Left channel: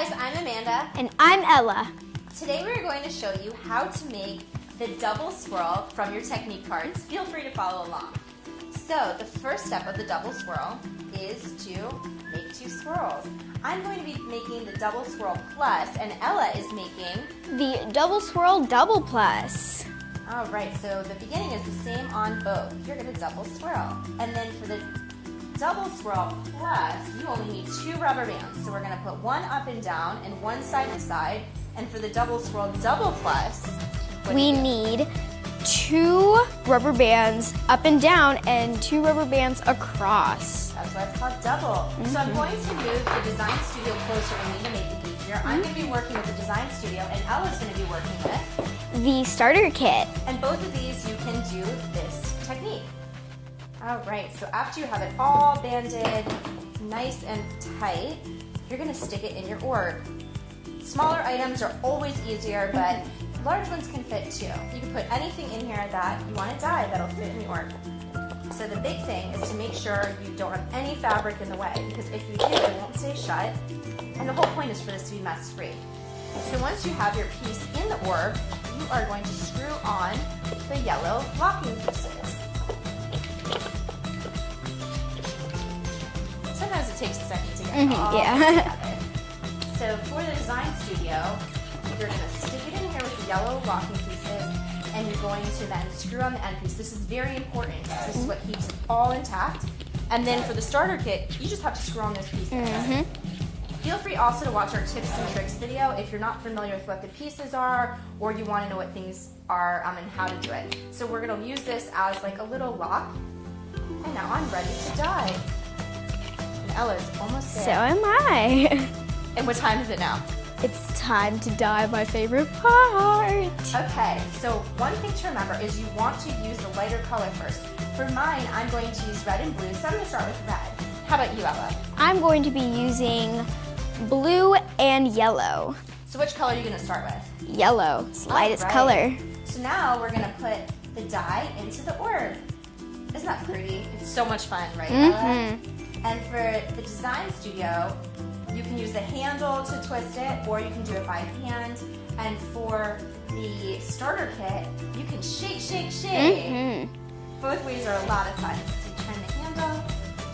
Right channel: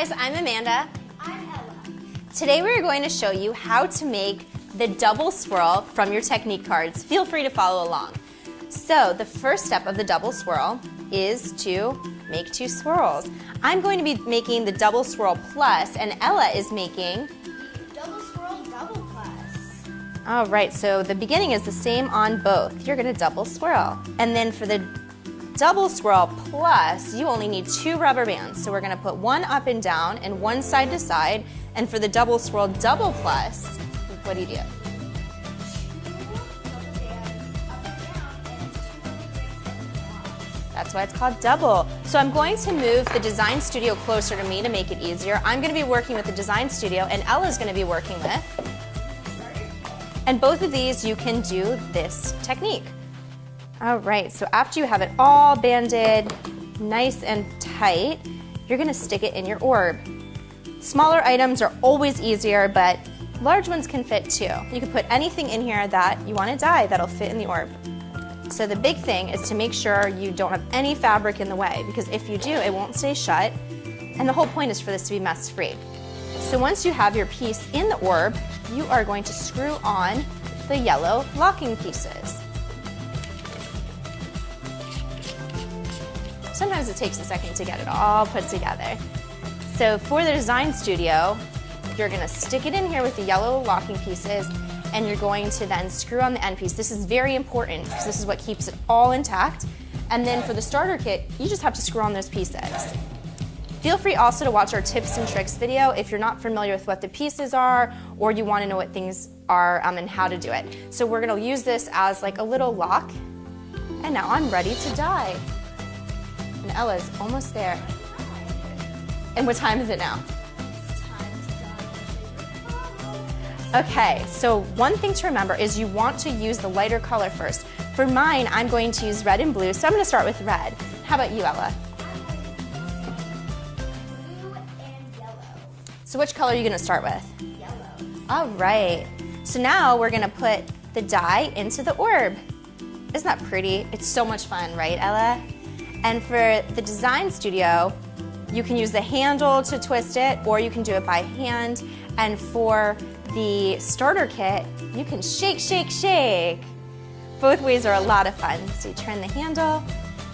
guys, I'm Amanda. And I'm Ella. Today we're going to show you how to make the double swirl from your technique cards. Feel free to follow along. So the first step of the double swirl is to make 2 swirls. I'm going to be making the double swirl plus, and Ella is making The double swirl double plus. all right, so the beginning is the same on both. You're gonna double swirl. And then for the double swirl plus, you only need 2 rubber bands. So we're gonna put 1 up and down and 1 side to side. And for the double swirl double plus, We need 2 rubber bands up and down and 2 rubber bands across. that's why it's called double. So I'm going to move the design studio closer to me to make it easier. I'm gonna be working with the design studio and Ella's gonna be working with The starter kit. and both of these you can do this technique. All right, so after you have it all banded nice and tight, you're gonna stick it in your orb. Smaller items are always easier, but large ones can fit too. You can put anything in here that you wanna dye that'll fit in the orb. So the big thing is to make sure you don't have any fabric in the way, because if you do, it won't stay shut, and the whole point is for this to be mess-free. So once you have your piece in the orb, you are going to screw on the yellow locking pieces. Sometimes it takes a second to get it all put together. So for the design studio, you're gonna stick it in here with the yellow locking pieces, and you're going to then screw on the end piece. This is very important because this is what keeps it all intact. And then for the starter kit, you just have to screw on those pieces. Feel free also to watch our tips and tricks video if you're not familiar with what the pieces are or you want to know what things are and how to do it. So we're going to use this as like a little lock. And now I'm ready to dye. And Ella's almost So there. am I. And what time is it now? It's time to dye my favorite part. Okay, so one thing to remember is you want to use the lighter color first. For mine, I'm going to use red and blue, so I'm going to start with red. How about you, Ella? I'm going to be using blue and yellow. So which color are you going to start with? Yellow, it's the lightest All right. color. So now we're going to put the dye into the orb. Isn't that pretty? It's so much fun, right, Ella? And for the design studio, you can use the handle to twist it, or you can do it by hand. And for the starter kit, you can shake, shake, shake. Both ways are a lot of fun. So you turn the handle,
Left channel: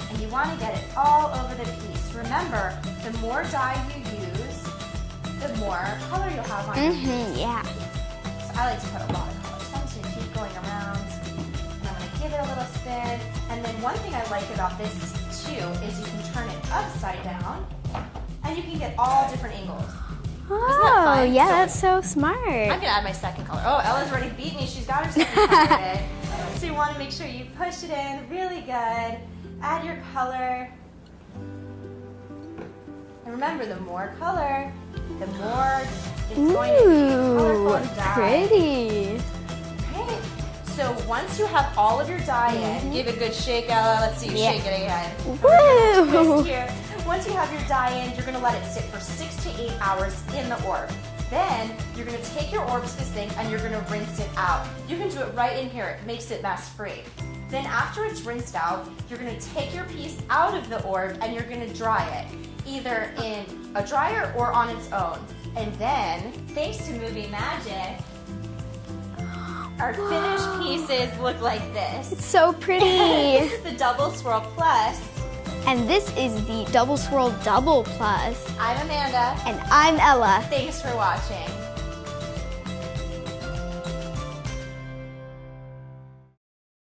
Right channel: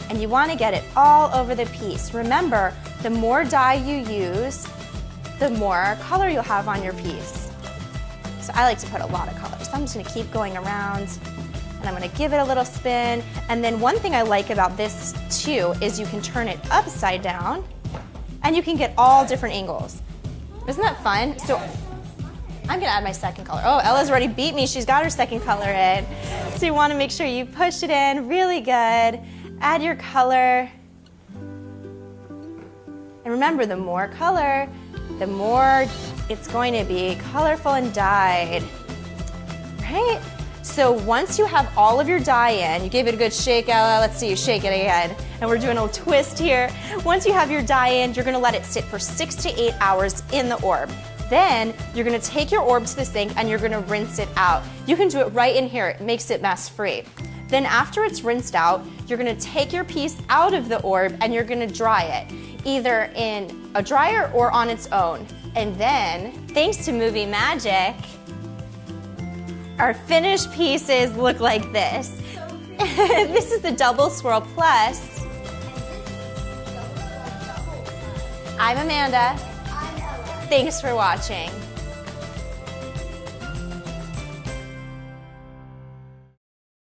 and you want to get it all over the piece. Remember, the more dye you use, the more color you'll have on your piece. Yeah. So I like to put a lot of color. So I'm just going to keep going around, and I'm going to give it a little spin. And then one thing I like about this too is you can turn it upside down, and you can get all different angles. Isn't that fun? Yeah, So that's so smart. I'm gonna add my second color. Oh, Ella's already beat me. She's got her second color in. So you want to make sure you push it in really good. Add your color. And remember, the more color, the more it's going to be colorful and dyed. Pretty. Right? So once you have all of your dye in, you gave it a good shake, Ella. Let's see you shake it again. And we're doing a little twist here. Once you have your dye in, you're gonna let it sit for 6 to 8 hours in the orb. Then you're gonna take your orb to the sink and you're gonna rinse it out. You can do it right in here. It makes it mess-free. Then after it's rinsed out, you're gonna take your piece out of the orb and you're gonna dry it, either in a dryer or on its own. And then, thanks to movie magic, our finished pieces look like this. It's so pretty. This is the double swirl plus. And this is the double swirl double plus. I'm Amanda. And I'm Ella. Thanks for watching.